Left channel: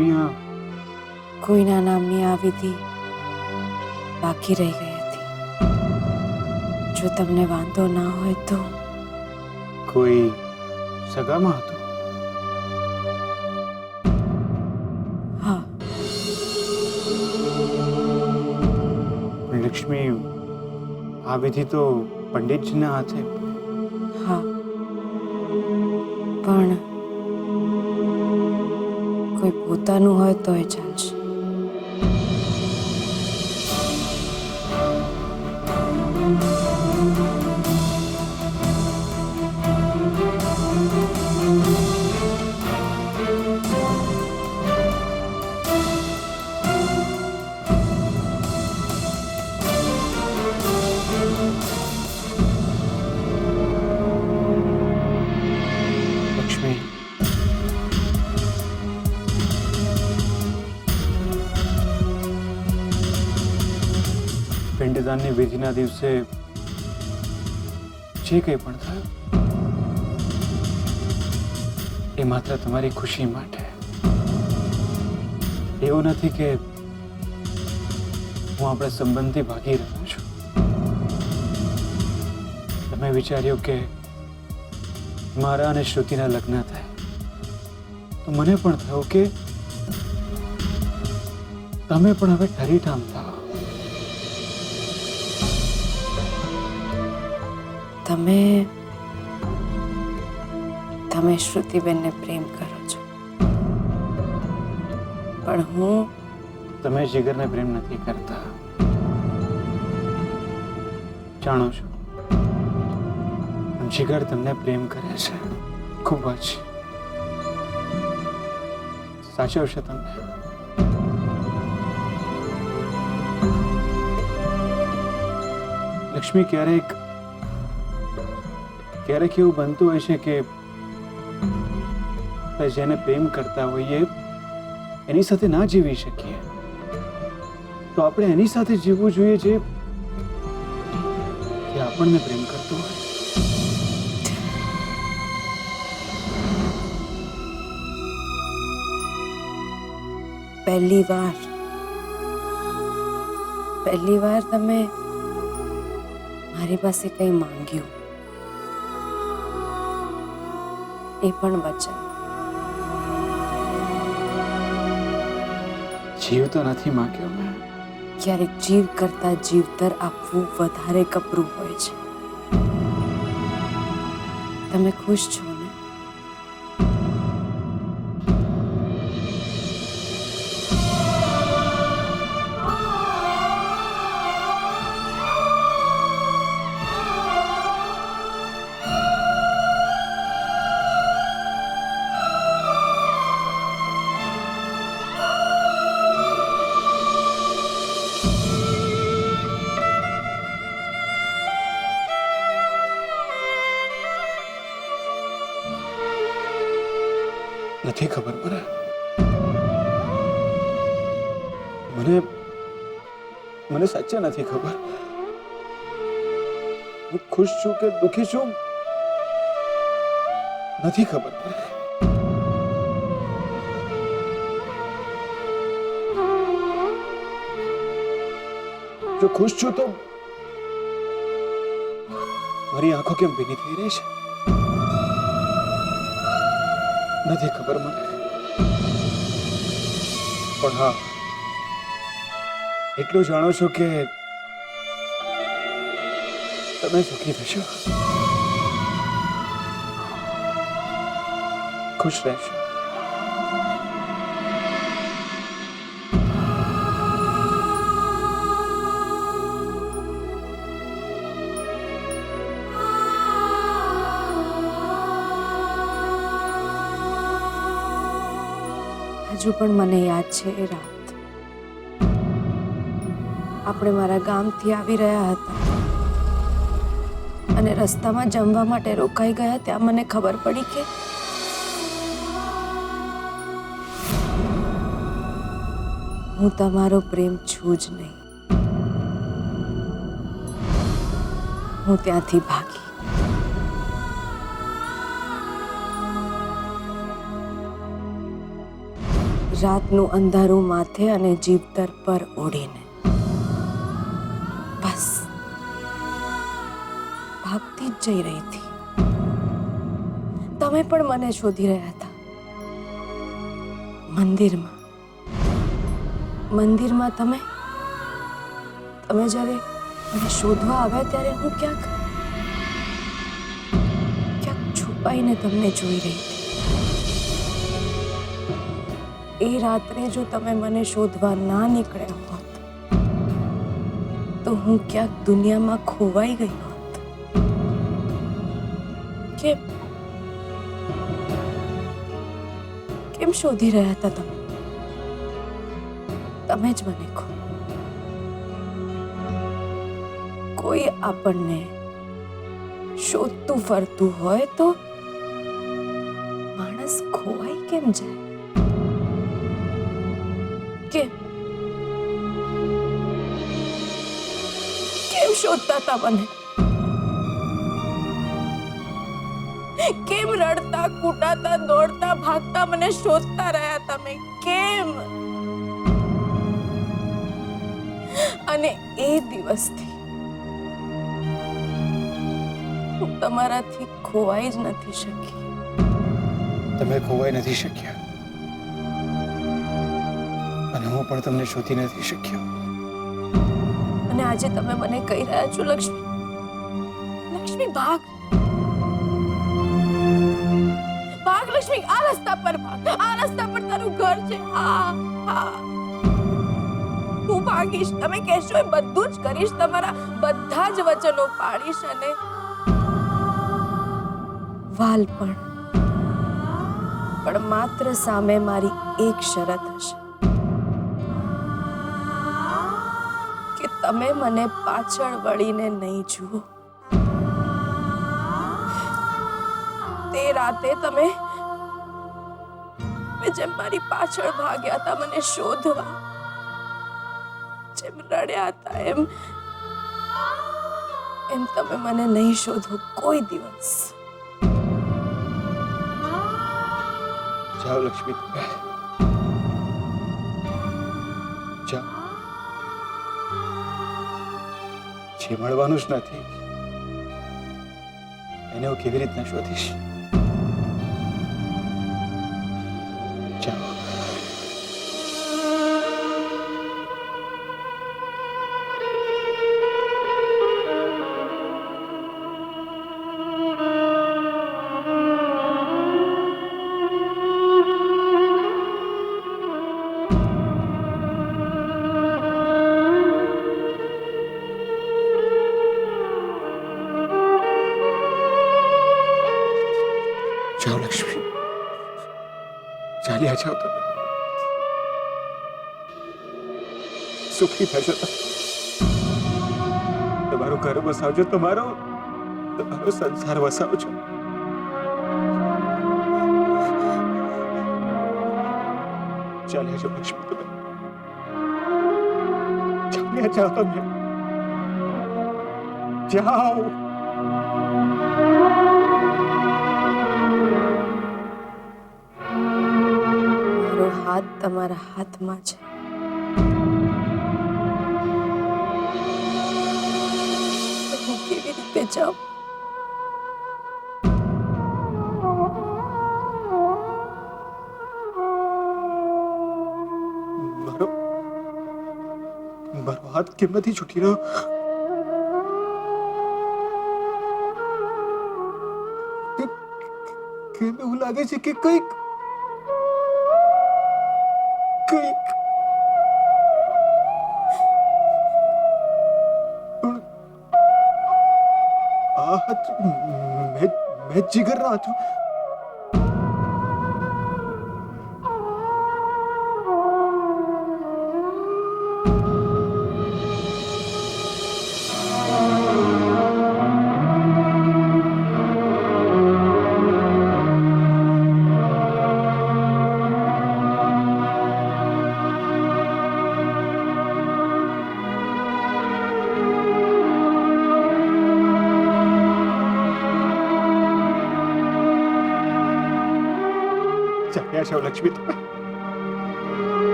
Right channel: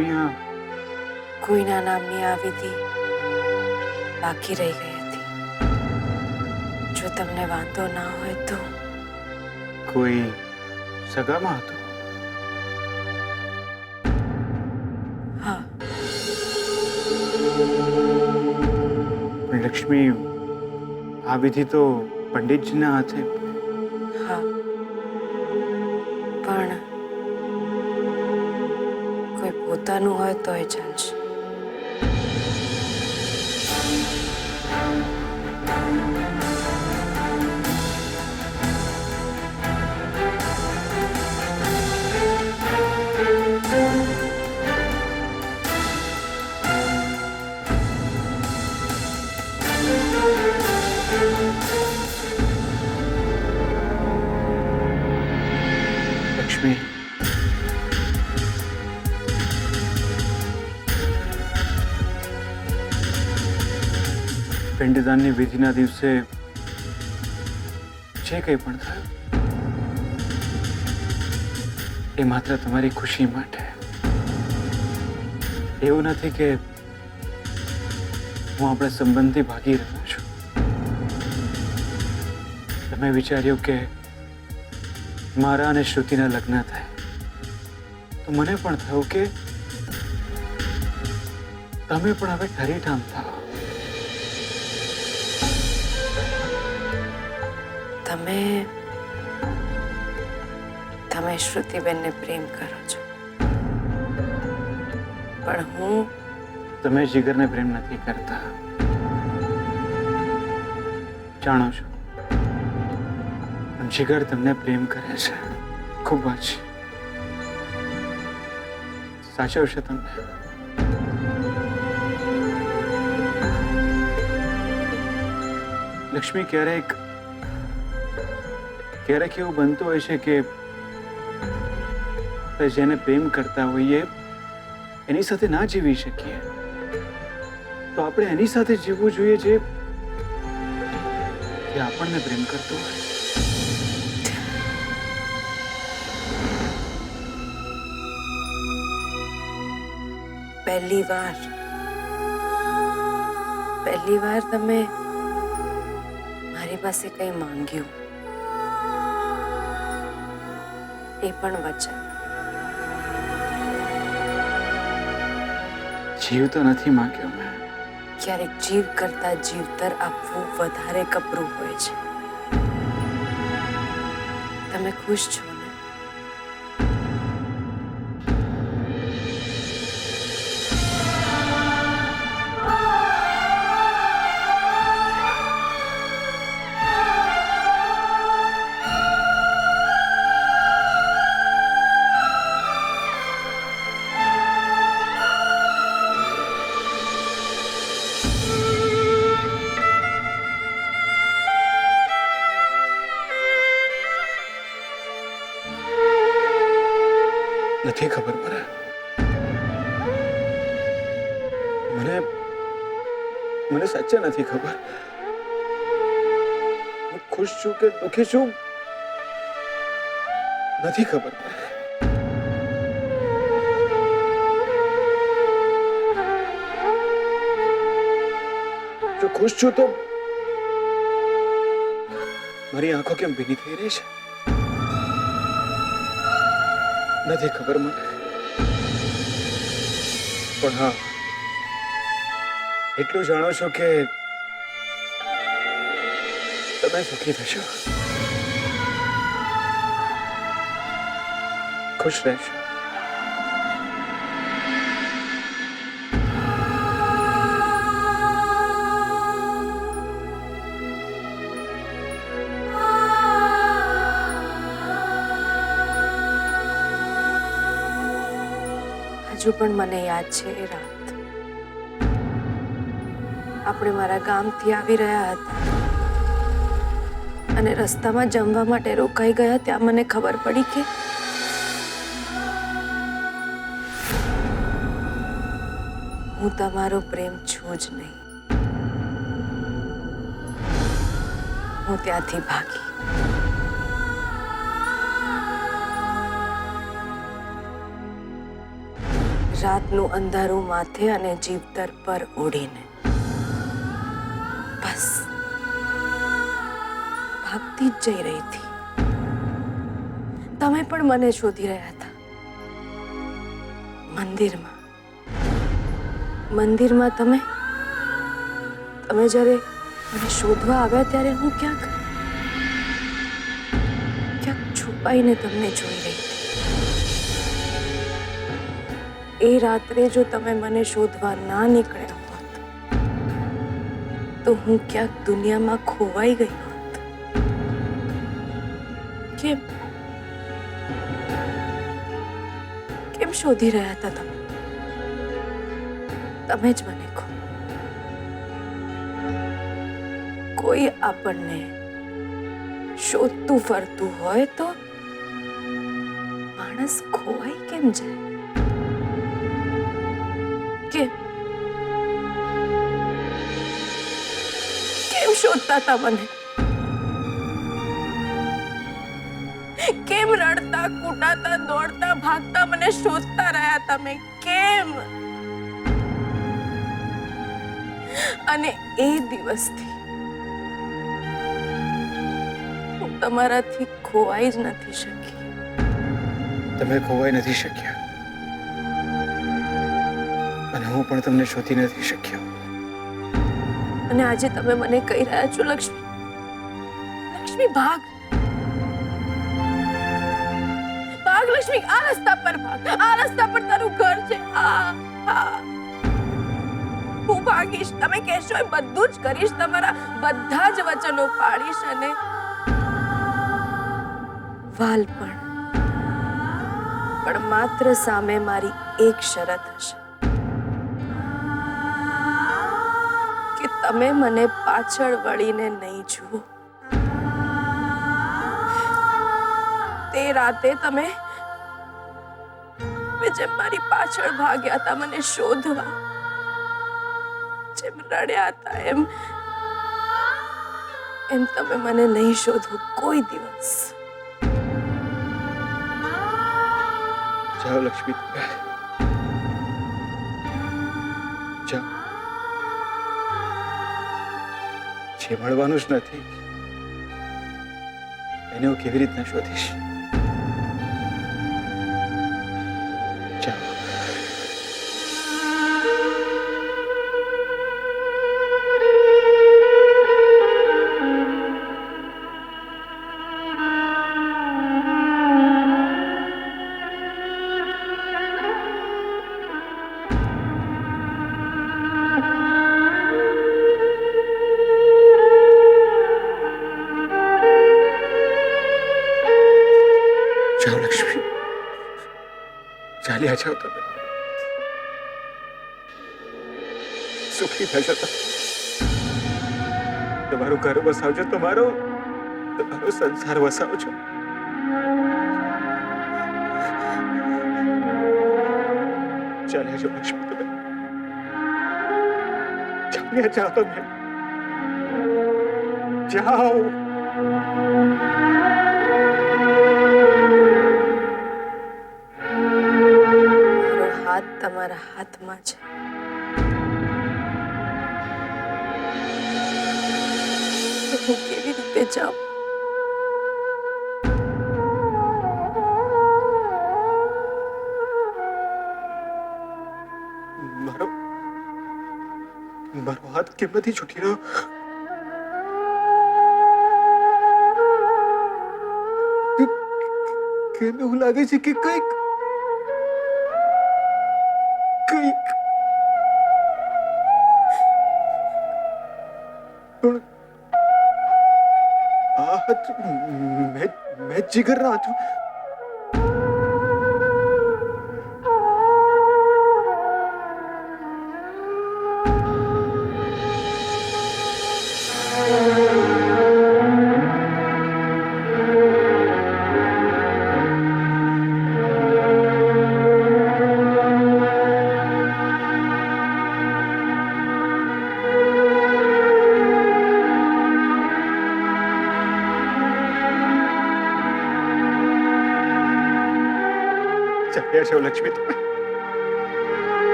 લક્ષ્મી, આ કોઈના નામની આ વિધિ બાકી રહી ગઈ હતી. જો તમને વાંધો ના હોય તો. કોઈ સગામાં હતું? હા. પણ લક્ષ્મી, આ વિધિ તો પંડિતજીના હાથે. હા, પણ કોઈ પોતાનું હોય તોય ચાલશે. લક્ષ્મી, પિંડદાનની વિધિના દિવસે જે કંઈ પણ થયું એ માત્ર તમારી ખુશી માટે. એવું નથી કે હું આપણા સંબંધથી ભાગી રહ્યો છું. તમે વિચાર્યું કે મારા અને શ્રુતિના લગ્ન થાય તો મને પણ થયું કે તમે પણ હવે ઠરીઠામ થાઓ. તમે શ્રુતિબેનને પ્રેમ કરો છો, પણ હું. તમે જીગરને પ્રેમ નથી કરતા, જાણો છો. જીગર તમને પ્રેમ કરે છે, ખૂબ જ. સાચવશે તમને. લક્ષ્મી, ક્યારેક એવું બનતું હોય છે કે જેને પ્રેમ કરતા હોઈએ એની સાથે ના જીવી શકીએ તો આપણે એની સાથે જીવવું જોઈએ જે આપણને પ્રેમ કરતો હોય. પહેલી વાર તમે મારી પાસે કંઈ માંગ્યું, એ પણ વચન. જીવ તો નથી માંગ્યો મેં. ક્યારેક જીવ કરતા જીવતર આપવું વધારે કપરું હોય છે. તમે ખુશ છો ને? નથી ખબર મને સાચા નથી ખબર. હું ખુશ છું કે દુખી છું નથી ખબર. જો ખુશ છું તો મારી આંખો કેમ ભીની થઈ રહી છે નથી ખબર મને. પણ હા, એટલું જાણો છો કે તમે સુખી થશો, ખુશ રહેશો. હજુ પણ મને યાદ છે એ રાત. આપણે મારા ગામથી આવી રહ્યા હતા અને રસ્તામાં જમવા માટે રોકાઈ ગયા. ત્યાં મને ખબર પડી કે હું તમારો પ્રેમ છું જ નહીં. હું ત્યાંથી ભાગી. રાતનું અંધારું માથે અને જીવતર પર ઓઢીને બસ ભાગતી જ જઈ રહી હતી. તમે પણ મને શોધી રહ્યા હતા. મંદિરમાં તમે જ્યારે મને શોધવા આવ્યા ત્યારે હું ક્યાંક છુપાઈને તમને જોઈ રહી હતી. એ રાત્રે જો તમે મને શોધવા ના નીકળ્યા હોત તો હું ક્યાંક દુનિયામાં ખોવાઈ ગઈ હોત. કેમ શોધી રહ્યા હતા તમે? તમે જ મને કહો. કોઈ આપણને શોધતું ફરતું હોય તો માણસ ખોવાઈ કેમ જાય? કેમ શોધતા હતા મને? કેમ રડતા કૂટાતા દોડતા ભાગતા મને શોધતા રહ્યા તમે? કેમ? અને એ દિવસથી હું તમારાથી ખોવાઈ જ નથી શકી. તમે ખોવાઈ નથી શક્યા અને હું પણ તમને શોધી નથી શક્યો. અને આજે તમે મને કહી રહ્યા છો, લક્ષ્મી ભાગ લક્ષ્મી, આ રસ્તા પર ભાગ. આ રસ્તા પર તારું ઘર છે. હું ભાગીશ. તમે કહેશો એ બધું જ કરીશ. તમારા બધા જ વચનો પાડીશ અને વાલ પણ માત્ર સામે મારી એક શરત હશે કે તમે મને પાછળ વળીને નહીં જુઓ. તે રાતે તમે જેમ મારી પાછળ ભાગ્યા હતા મને શોધવા, જેમ રડ્યા હતા એમ તમે મને નહીં શોધો કોઈ દિવસ. જાઓ લક્ષ્મી, જાઓ. જે મળવાનું જ નથી એને હું કેવી રીતના શોધીશ? જાઓ. જાઓ લક્ષ્મી, ચાલ્યા જાઓ. તમે સુખી થશો. તમારું ઘર વસાવજો, તમારો સંસાર વસાવજો. ચાલ્યા જાઓ લક્ષ્મી, તમે ચાલ્યા જાઓ. તમે જાઓ. હાથ તમારા હાથમાં છે. હું કેવી રીતે જાઉં? મારો હાથ કેમ નથી છૂટી રહ્યો? કેમ એવું લાગે છે કે કંઈક પણ આ હાથ મેં જીગરના હતો. ચાલ્યા જાઓ લક્ષ્મી, તમે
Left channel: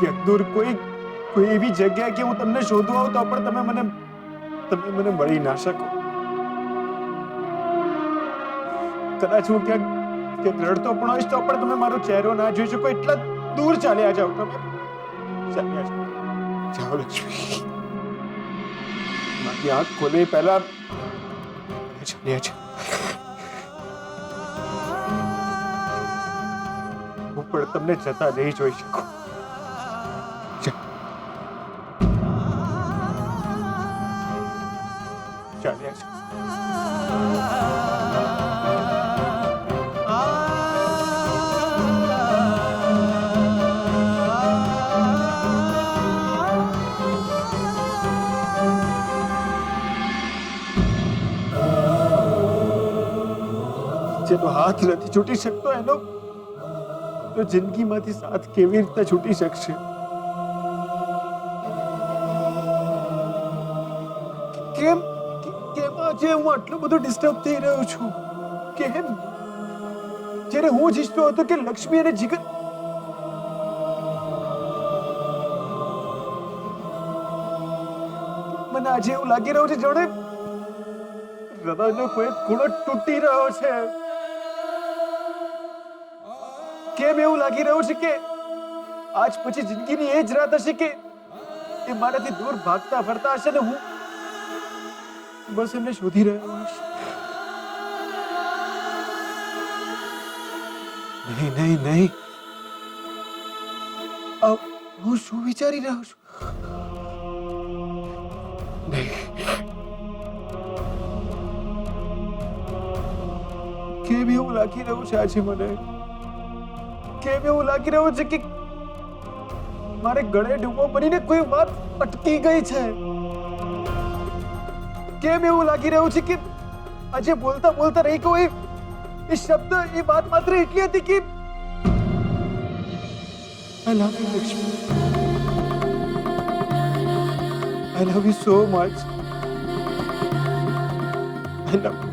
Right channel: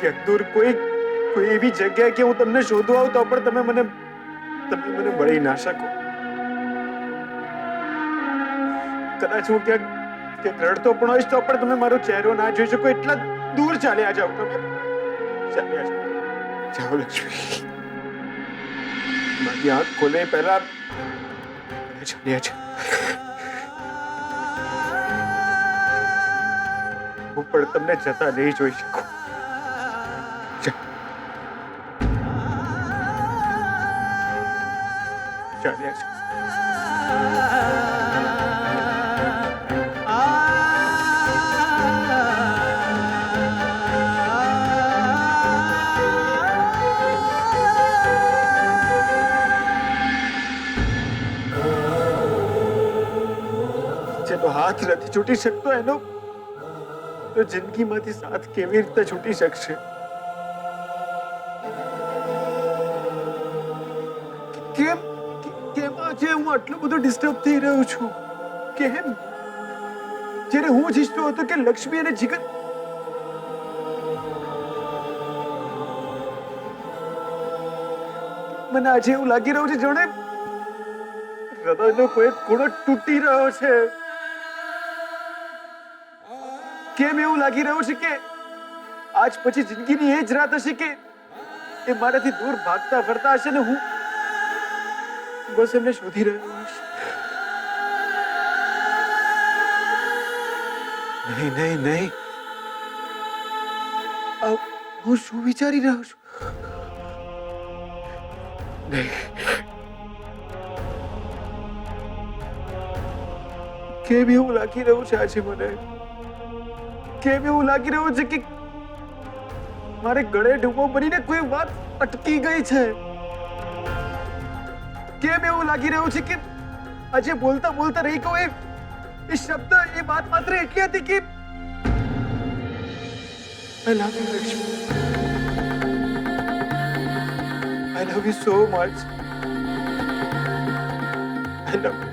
ક્યાંક દૂર કોઈ એવી જગ્યાએ કે હું તમને શોધવા આવું તો પણ તમે મને મળી ના શકો. કદાચ હું ક્યાંક રડતો પણ હોઈશ તો પણ તમે મારો ચહેરો ના જોઈ શકો. એટલા દૂર ચાલ્યા જાઓ તમે. ચાલ્યા જાઓ લક્ષ્મી. મારી આંખ ખોલે પહેલા ચાલ્યા જાઓ. હું પણ તમને જતા નહીં જોઈ શકું. ચાલ્યા જાઓ. જેનો હાથ નથી છૂટી શકતો એનો તો જિંદગીમાંથી સાથ કેવી રીતે છૂટી શકશે? કેમ કેમ આજે હું આટલો બધો ડિસ્ટર્બ થઈ રહ્યો છું? કેમ? જ્યારે હું જ ઈચ્છતો હતો કે લક્ષ્મી અને જીગર મને આજે એવું લાગી રહ્યું છે જાણે હૃદયનો કોઈ ખૂણો તૂટી રહ્યો છે. કેમ એવું લાગી રહ્યું છે કે આજ પછી જિંદગીની એ જ રાત હશે કે એ મારાથી દૂર ભાગતા ફરતા હશે ને હું બસ એમને શોધી રહ્યો હશે? નહીં નહીં નહીં. હું શું વિચારી રહ્યો છું? નહીં. કેમ એવું લાગી રહ્યું છે આજે મને? કેમ એવું લાગી રહ્યું છે કે મારે ગળે ડૂબો બનીને કોઈ વાત અટકી ગઈ છે? કેમ એવું લાગી રહ્યું છે કે આજે બોલતા બોલતા રહી ગયો એ શબ્દ એ વાત માત્ર એટલી હતી કે I love you, Lakshmi. I love you so much. I love you.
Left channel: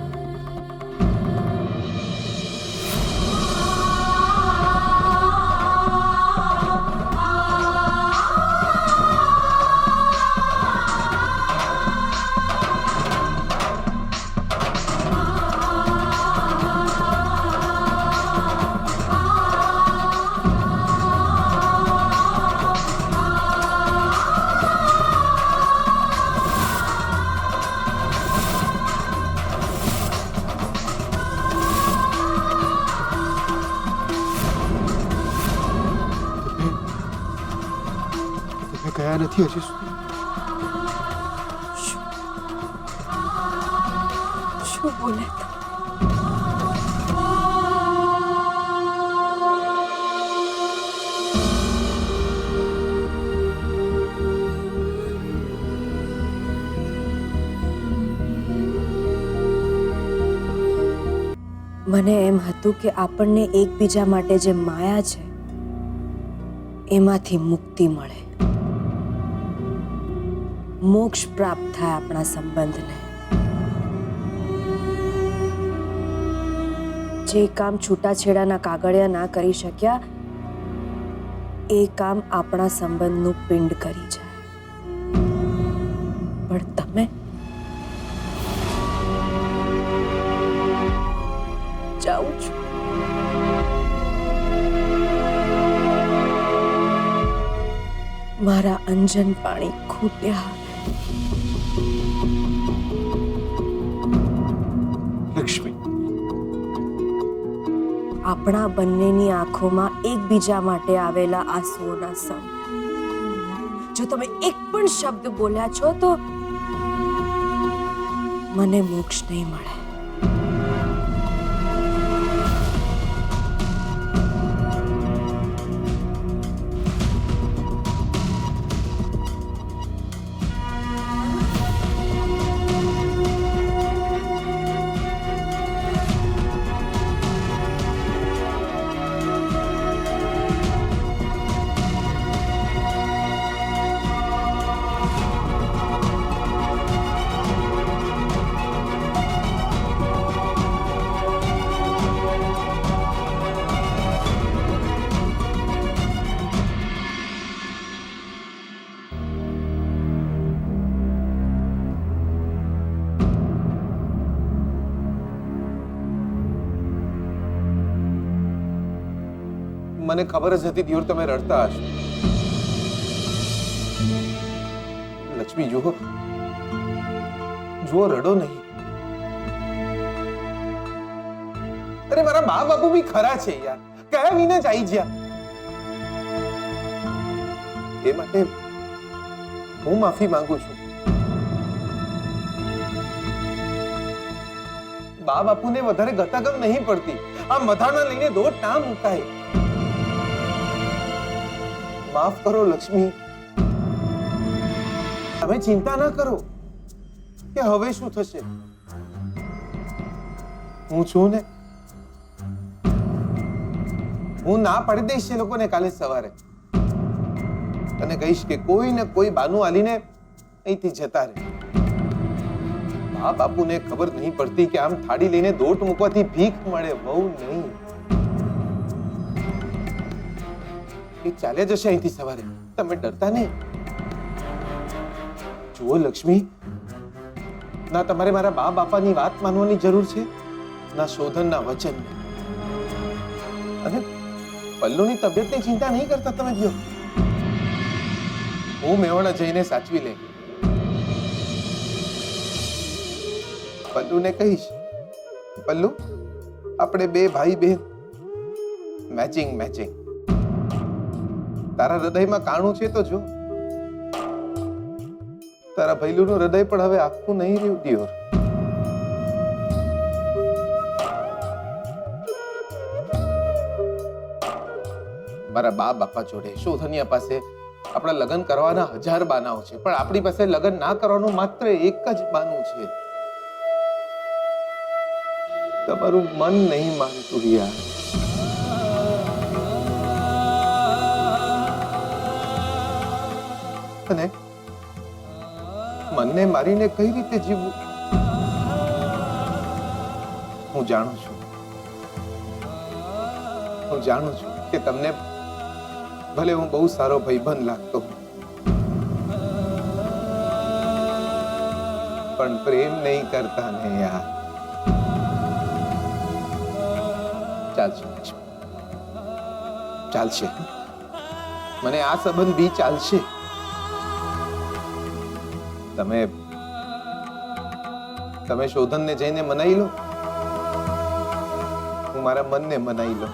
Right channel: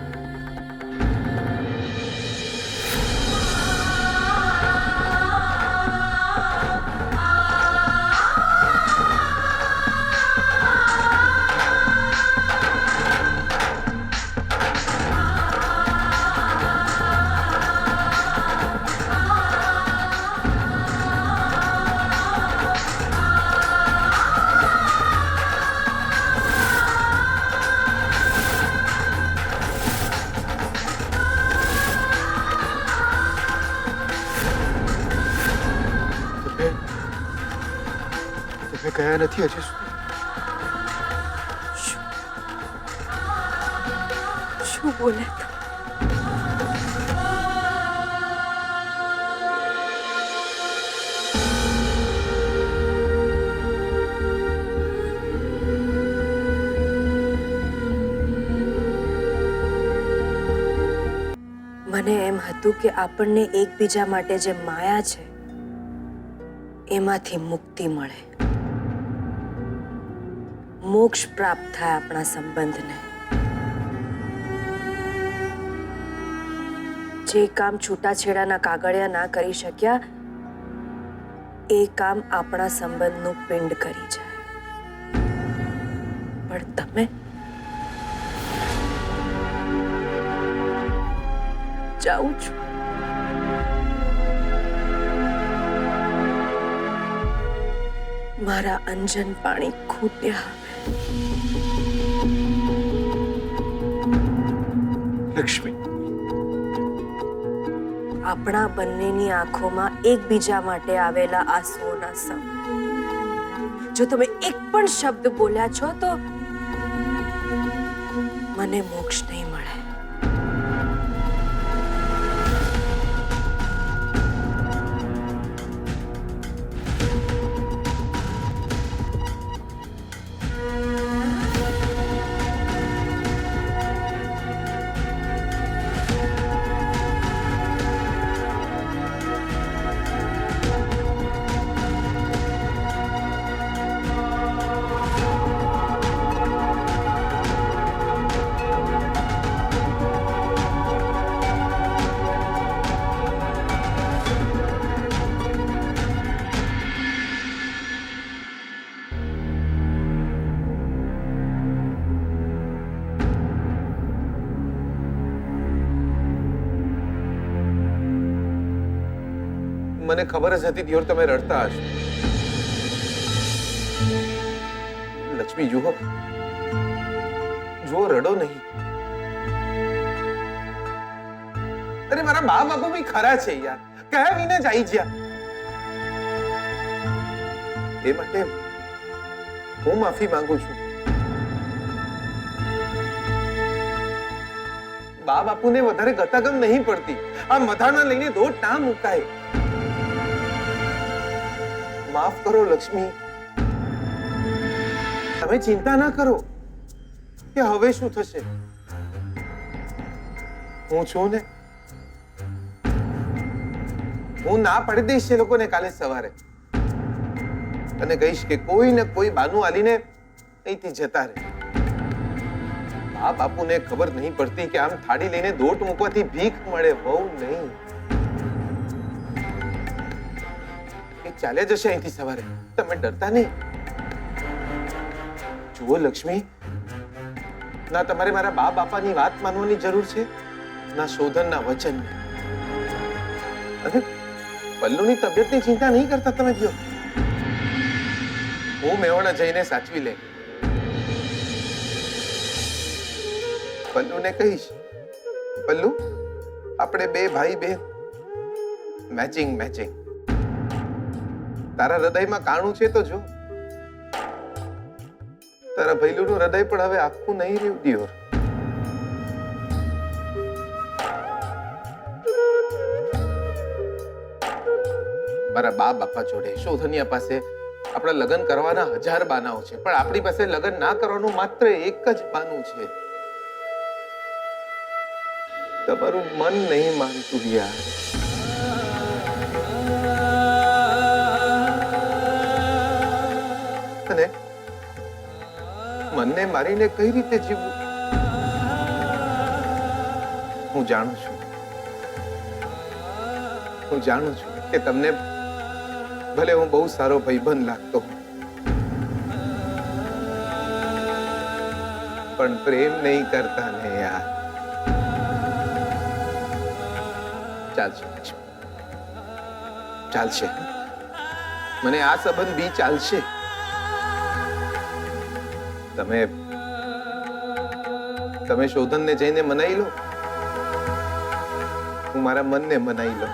તમે ગયા નથી હજી સુધી? શું બોલે તમે? મને એમ હતું કે આપણને એકબીજા માટે જે માયા છે એમાંથી મુક્તિ મળે, મોક્ષ પ્રાપ્ત થાય આપણા સંબંધને. જે કામ છૂટાછેડાના કાગળિયા ના કરી શક્યા એ કામ આપણા સંબંધનું પિંડ કરી જાય. પણ તમે જાઉં છું. મારા અંજન પાણી ખૂટ્યા. લક્ષ્મી, આપણા બંનેની આંખોમાં એકબીજા માટે આવેલા આંસુઓના સમ. જો તમે એક પણ શબ્દ બોલ્યા છો તો મને મોક્ષ નહીં મળે. મને ખબર જ હતી દિયોર તમે રડતા હશો. લક્ષ્મી જુઓ, જુઓ, રડો નહીં. અરે મારા બા બાપુ બી ખરા છે યાર, કયા વિના જ આવી ગયા. એ માટે હું માફી માંગુ છું. બા બાપુને વધારે ગતાગમ નહીં પડતી. આ મધાના લઈને દોટ ના મુકાય. માફ કરો લક્ષ્મી. તમે ચિંતા ના કરો કે હવે શું થશે. હું છું ને. હું ના પાડી દઈશ એ લોકોને કાલે સવારે અને કહીશ કે કોઈ ને કોઈ બાનું આલીને અહીંથી જતા રહે. બા બાપુને ખબર નહીં પડતી કે આમ થાળી લઈને દોટ મૂકવાથી ભીખ મળે, વહુ નહીં. એ ચાલ્યા જશે અહીંથી સવારે. તમે ડરતા નહીં. જુઓ લક્ષ્મી, ના તમારે મારા બા બાપાની વાત માનવાની જરૂર છે, ના શોધનના વચન. અને પલ્લુની તબિયતની ચિંતા નહીં કરતા તમે કયો. હું મેવાડા જઈને સાચવી લે. પલ્લુને કહીશ, પલ્લુ આપણે બે ભાઈ બહેન મેચિંગ મેચિંગ. તારા હૃદયમાં કાણું છે તો જો. તારા ભૈલુનું હૃદય પણ હવે આખું નહીં રહ્યું દિયોર. મારા બા બાપા જોડે શોધનિયા પાસે આપણા લગ્ન કરવાના 1000 બાનાઓ છે, પણ આપણી પાસે લગ્ન ના કરવાનું માત્ર એક જ બાનું છે. તમારું મન નહીં માનતું યાર. અને મનને મારીને કઈ રીતે જીવવું હું જાણું છું. હું જાણું છું કે તમને ભલે હું બહુ સારો ભાઈબંધ લાગતો હું, પણ પ્રેમ નહીં કરતા ને યાર. ચાલશે ચાલશે. મને આ સંબંધ બી ચાલશે. તમે શોધનને જઈને મનાઈ લો, હું મારા મનને મનાઈ લો.